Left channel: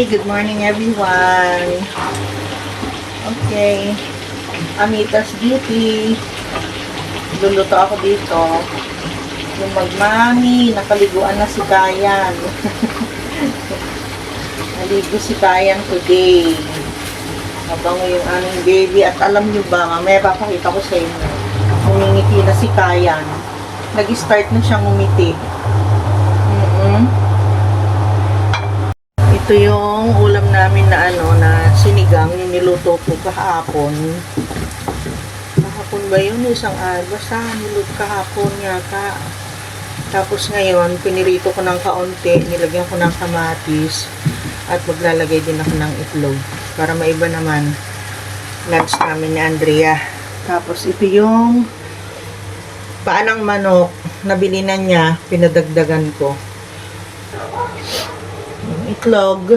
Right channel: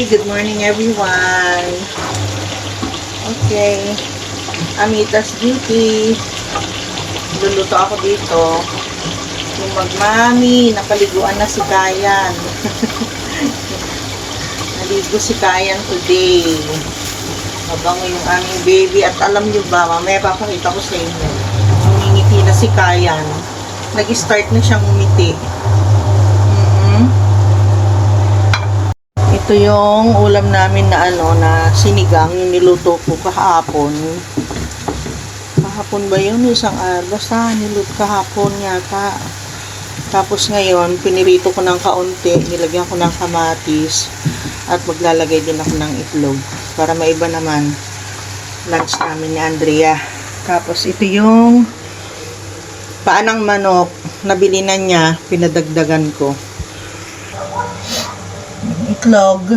Good morning everyone. Okay. Amita's Beauty. Luluto ako dito. Yung magmami, napaliguan na si Kayan. Naligo si Kayan today. Mabango yung aming baby. At alam nyo ba, mamaya papakita ko sa inyo. Umingiti na si Kayan. Nag-start na siyang umiti. Ito yung ulam namin na na sinigang, yung niluto ko kahapon. Kahapon ba yun? Isang basta niluto kahapon yata. Tapos ngayon, pinirito ko ng kaunti, nilagyan ko ng kamatis, at maglalagay din ako ng itlog. Para maiba naman lunch namin ni Andrea. Tapos ito yung paanang manok, nabili na niya, pinadagdagan ko. Itlog.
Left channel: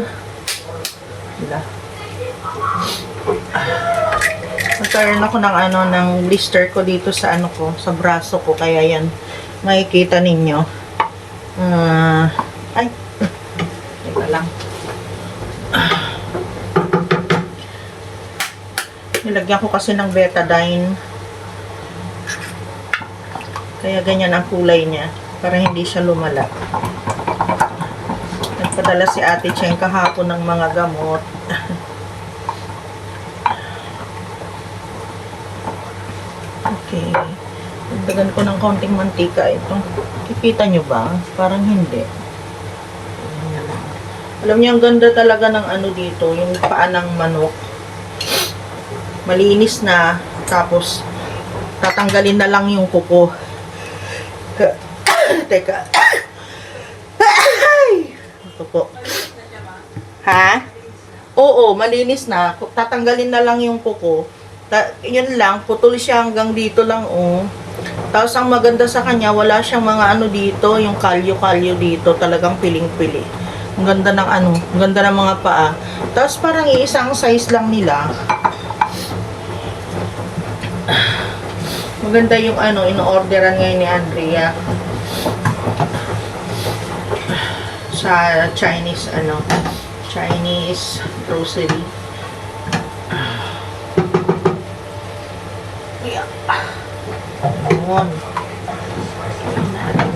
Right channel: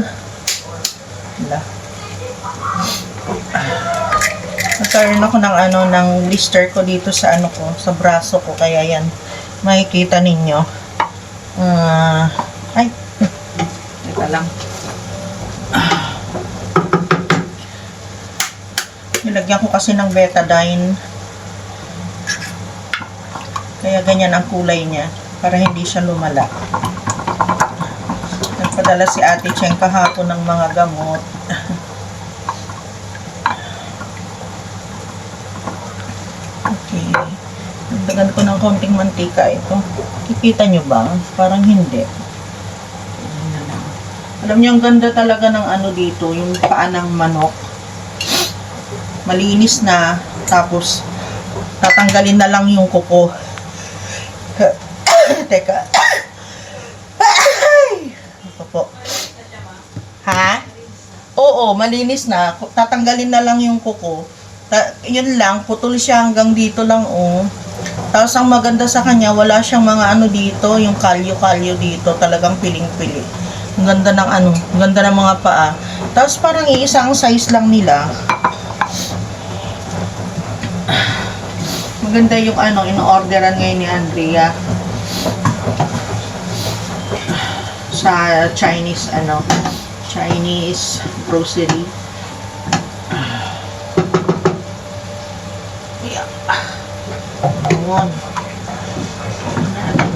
Nagkaroon ako ng ng blister ko dito sa ko, sa braso ko, kaya yan makikita ninyo. Ay. Teka lang. Nilagyan ko kasi ng betadine. Kaya ganyan ang kulay niya para hindi siya lumala. Nagpadala si Ate Cheng kahapon ng mga gamot. Okay. Dagdagan ko ng kaunting mantika ito. Kikita nyo ba? Parang hindi. Alam niyo, ang ganda talaga ng dito, yung paa ng manok. Malinis na, tapos tatanggalin na lang yung kuko. Teka. Ito po. Ha? Oo, malinis na. Tatanggalin na lang yung kuko. Yun lang, putol siya hanggang dito lang, oh. Tapos ang maganda sa kanya, wala siyang mga dito, yung kalyo-kalyo dito, talagang piling-pili. Ang ganda ng ang ganda ng mga paa. Tapos parang iisang size lang nila. Maganda yung in-orderan ngayon ni Andrea. Sa Chinese Chinese grocery. Yeah. Ayan.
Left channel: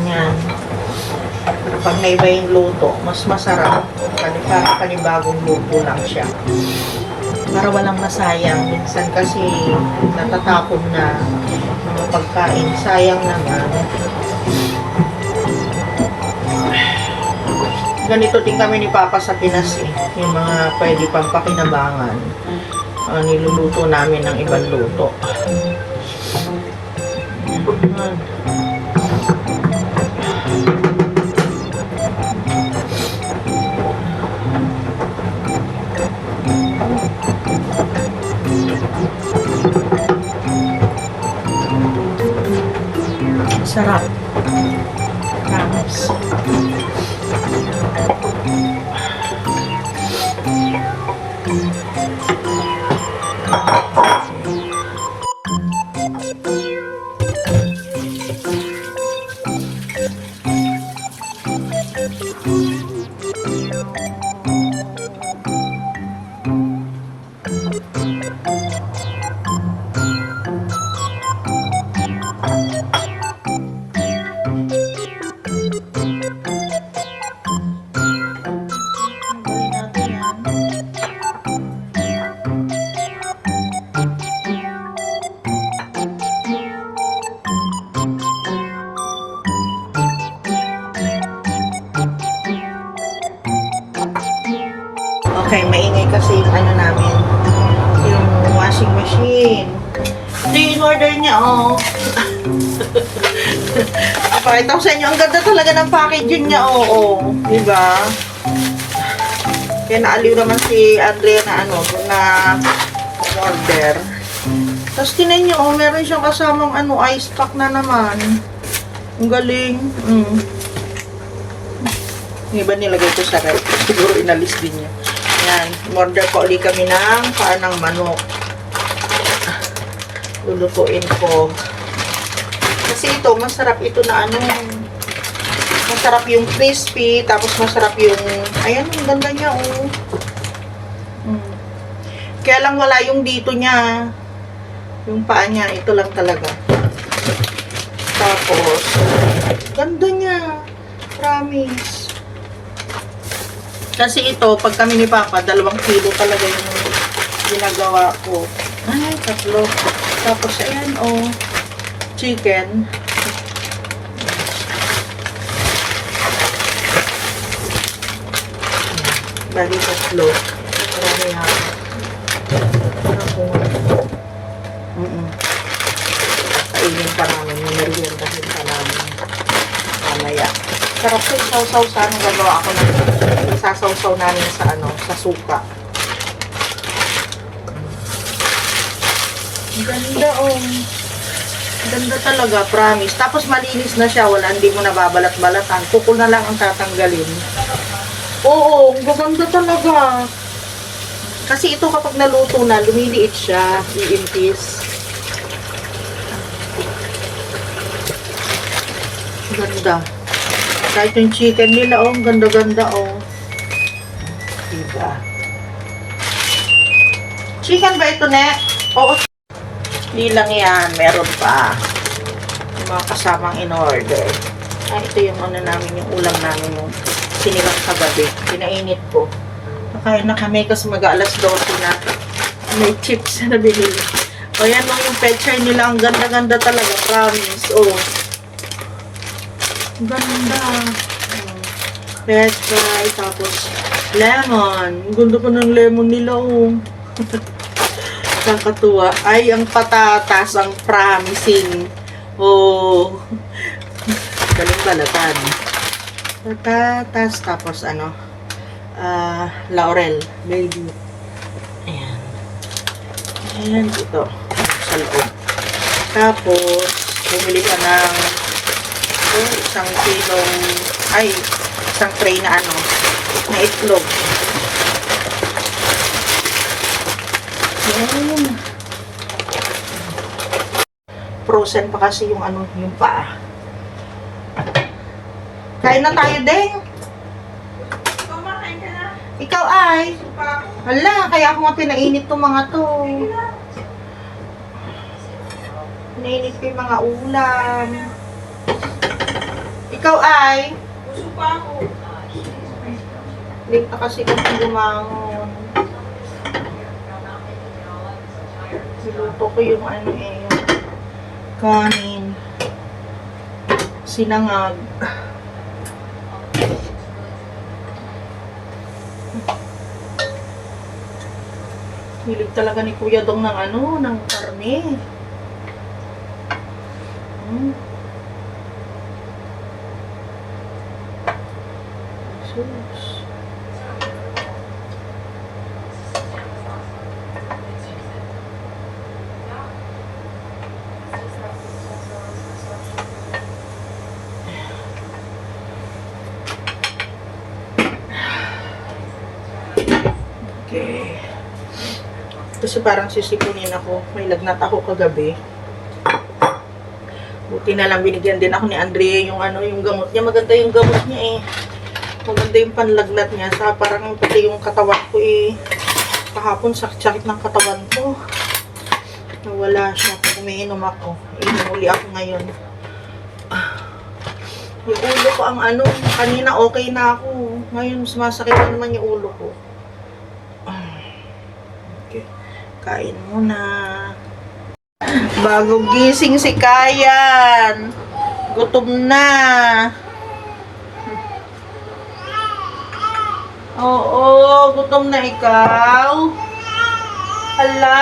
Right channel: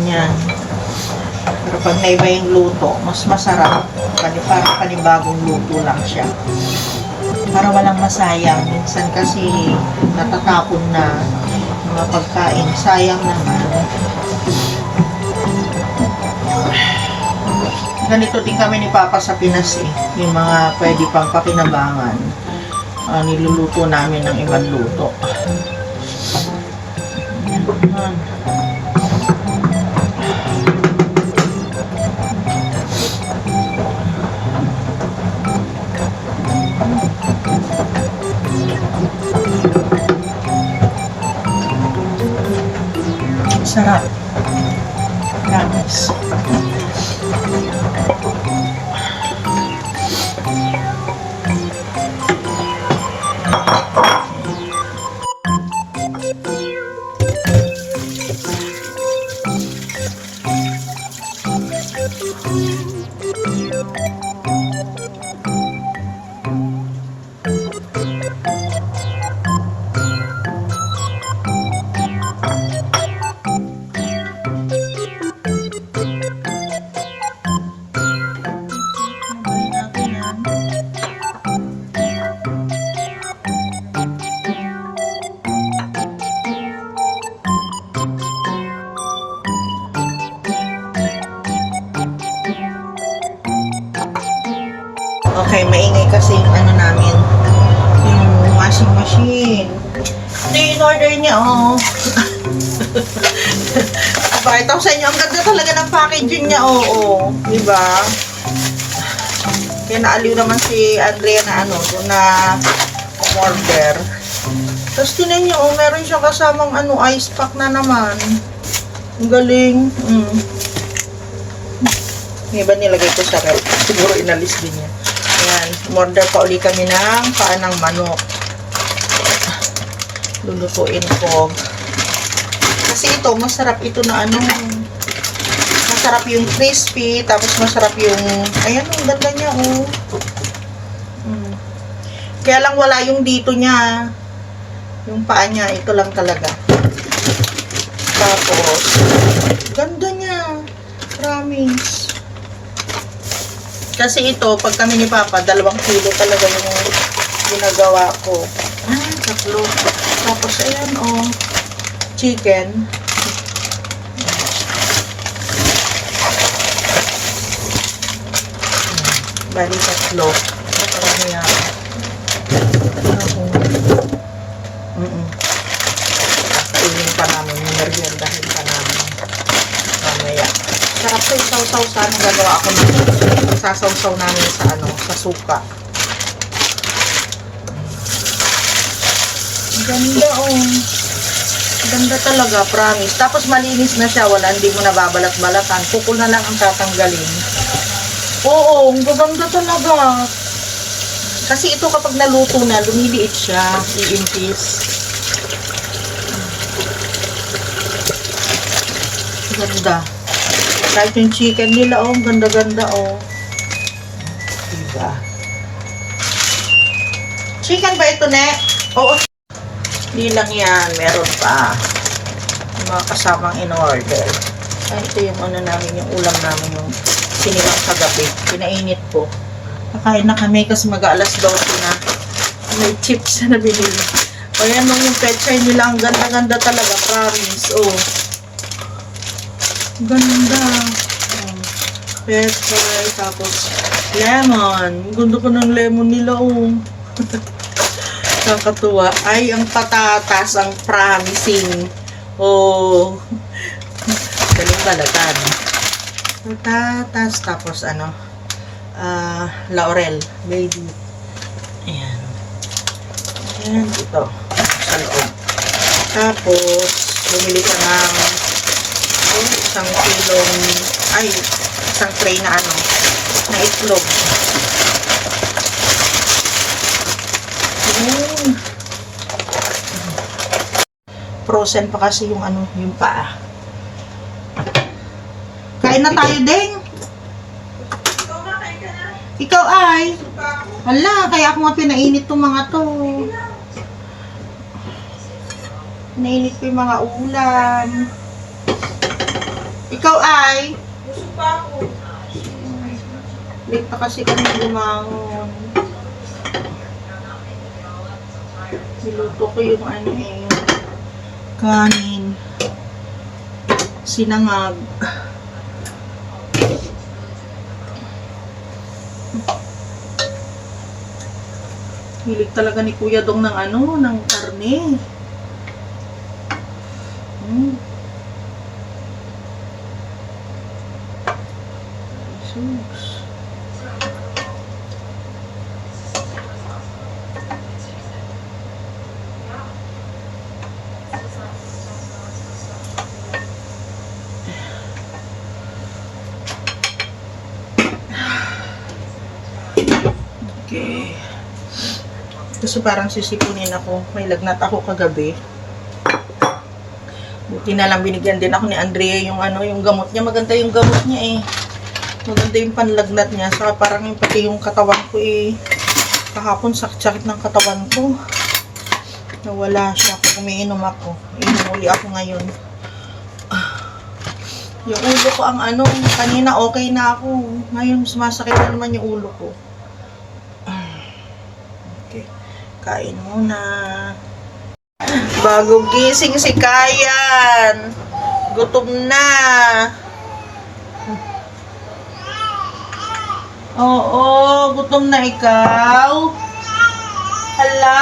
Yan. Pero pag naiba yung luto, mas masarap. Parang panibagong luto lang siya. Para walang masayang. Minsan kasi natatapon na mga pagkain. Sayang naman. Ganito din kami ni Papa sa Pinas eh. Yung mga pwede pang pakinabangan. Niluluto namin ng ibang luto. Sarap. Promise. Okay, maingay kasi yung namin, yung washing machine. Ito yung order niya, oh. Pakita ko sa inyo, ang ganda talaga ng packaging niya, oh. Diba? Kaya naaliw naman si Andrea na order. Tapos tinan nyo, meron siyang kasamang ice pack na naman. Ang galing. Yung iba nilagay ko sa rep. Siguro inalis din niya. Ayan, order pa ulit kami ng paan ng manok. Lulutuin ko. Kasi ito, masarap ito na masarap yung crispy, tapos masarap yung, ayan, ang ganda niya, oh. Kaya lang wala yung dito niya. Yung paa niya, ito lang talaga. Tapos, ganda niya. Promise. Kasi ito, pag kami ni Papa, 2 kilo talaga yung ginagawa ko. Ay, 3. Tapos, ayan, oh. Chicken. Bali, 3. Parang yan. Ako. Kainin pa namin. Meriendahin pa namin. Mamaya. Sarap sa isaw-saw sana. Gagawa ako ng isasawsaw namin sa sa suka. Ganda, oh. Ganda talaga, promise. Tapos malinis na siya. Wala, hindi mo nababalat-balatan. Kukul na lang ang tatanggalin. Oo, ang gaganda talaga. Kasi ito kapag naluto na, lumiliit siya. Iimpis. Ganda. Kahit yung chicken nila, oh, ang ganda-ganda, oh. Diba? Chicken ba ito, ne? Oo. Hindi lang yan. Meron pa. Yung mga kasamang in-order. Ay, ito yung namin, yung ulam namin, yung sinilang kagabi. Pinainit ko. Nakain na kami kasi mag-alas 12 na. May chips na binili. O yan lang yung pechay nila. Ang ganda-ganda talaga. Promise. Oh. Ganda. Pechay. Tapos lemon. Ang ganda ko ng lemon nila. Oh. Kakatuwa. Ay, ang patatas. Ang promising. Oh. Galing balatan. Patatas. Tapos laurel. Baby. Ayan. Ayan dito. Sa loob. Tapos, bumili ka ng isang tray na na itlog. Ayan. Frozen pa kasi yung yung paa. Kain na tayo, Deng. Ikaw makain ka na. Ikaw ay. Hala, kaya ako nga pinainit itong mga to. Pinainit ko yung mga ulam. Ikaw ay. Gusto pa ako. Late na kasi kami gumangon. Niluto ko yung yung kanin. Sinangag. Hilig talaga ni Kuya Dong ng ng karne. Jesus. Okay. Kasi parang sisipunin ako. May lagnat ako kagabi. Buti na lang binigyan din ako ni Andrea yung yung gamot niya. Maganda yung gamot niya eh. Maganda yung panlagnat niya. Saka parang pati yung katawan ko eh. Kahapon sakit ng katawan ko. Nawala siya pag umiinom ako. Inumuli ako ngayon. Yung ulo ko ang kanina okay na ako. Ngayon sumasakit na naman yung ulo ko. Okay. Kain muna. Bago gising si Kayan. Gutom na. Oo, gutom na ikaw. Hala.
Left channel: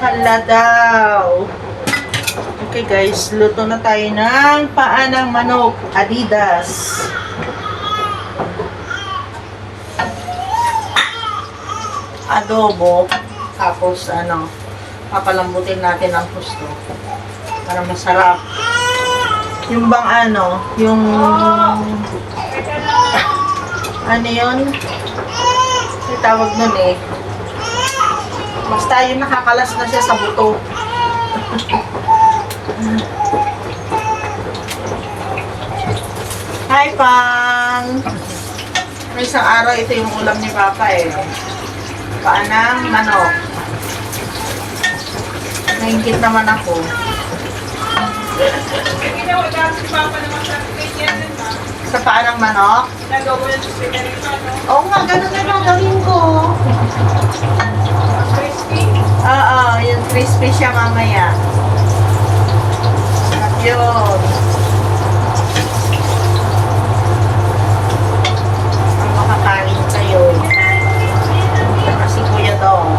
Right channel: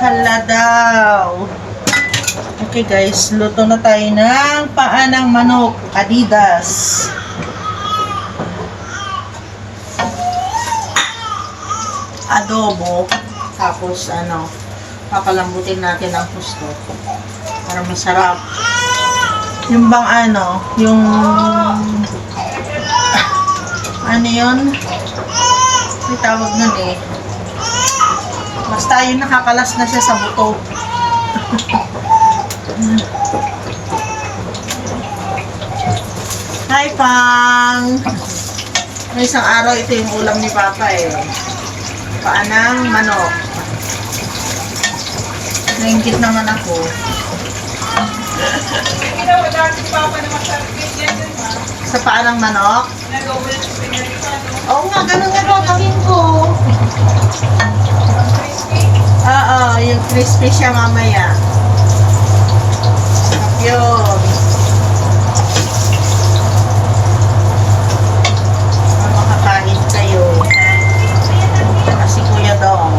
Hala daw. Okay guys, luto na tayo ng paa ng manok. Adidas. Adobo. Tapos papalambutin natin ang gusto. Para masarap. Yung bang yung yun? May tawag nun eh. Basta yung nakakalas na siya sa buto. Hi, Pang! May isang araw, ito yung ulam ni Papa eh. Paanang manok. Nainggit naman ako. Ginawa dahil si Papa naman sa akin yan din ba? Sa paanang manok? Nag-gawin siya pinag-ano. Oo nga, ganun nga gagawin ko. Crispy. Oo, yung crispy siya mamaya. Sarap yun. Makakain kayo. Kasi Kuya Dong.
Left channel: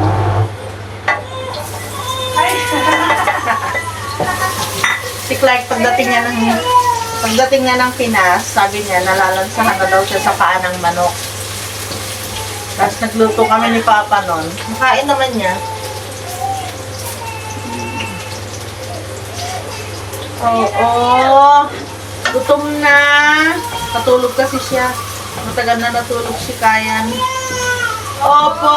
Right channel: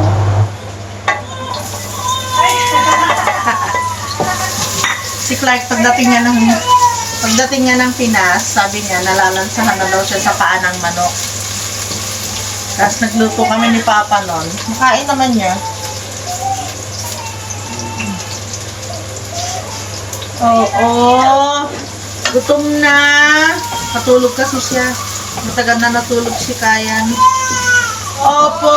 Si Clark, pagdating niya ng Pinas, sabi niya, nalalansahan na daw siya sa paa ng manok. Tapos nagluto kami ni Papa nun. Makain naman niya. Oo. Gutom na. Patulog kasi siya. Matagal na natulog si Kayan. Opo.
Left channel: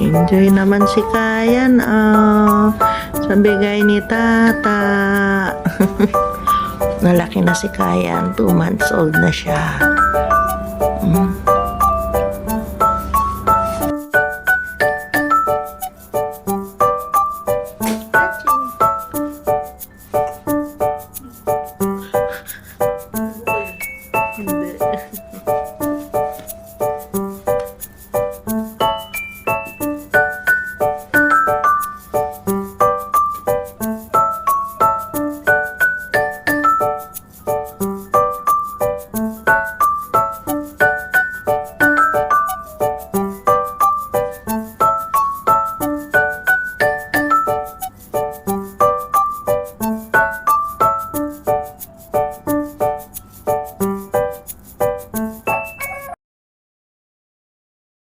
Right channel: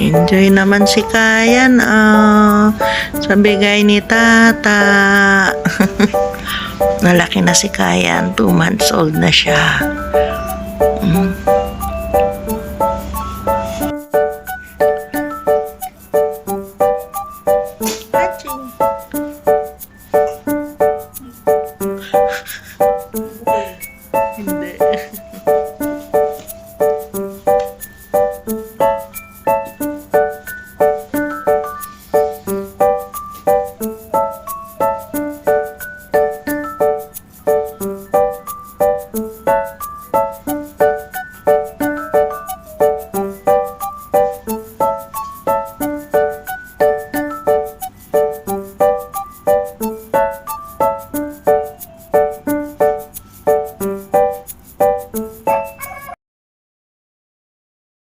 Enjoy naman si Kayan, sa bigay ni Tata. Nalaki na si Kayan, 2 months old na siya.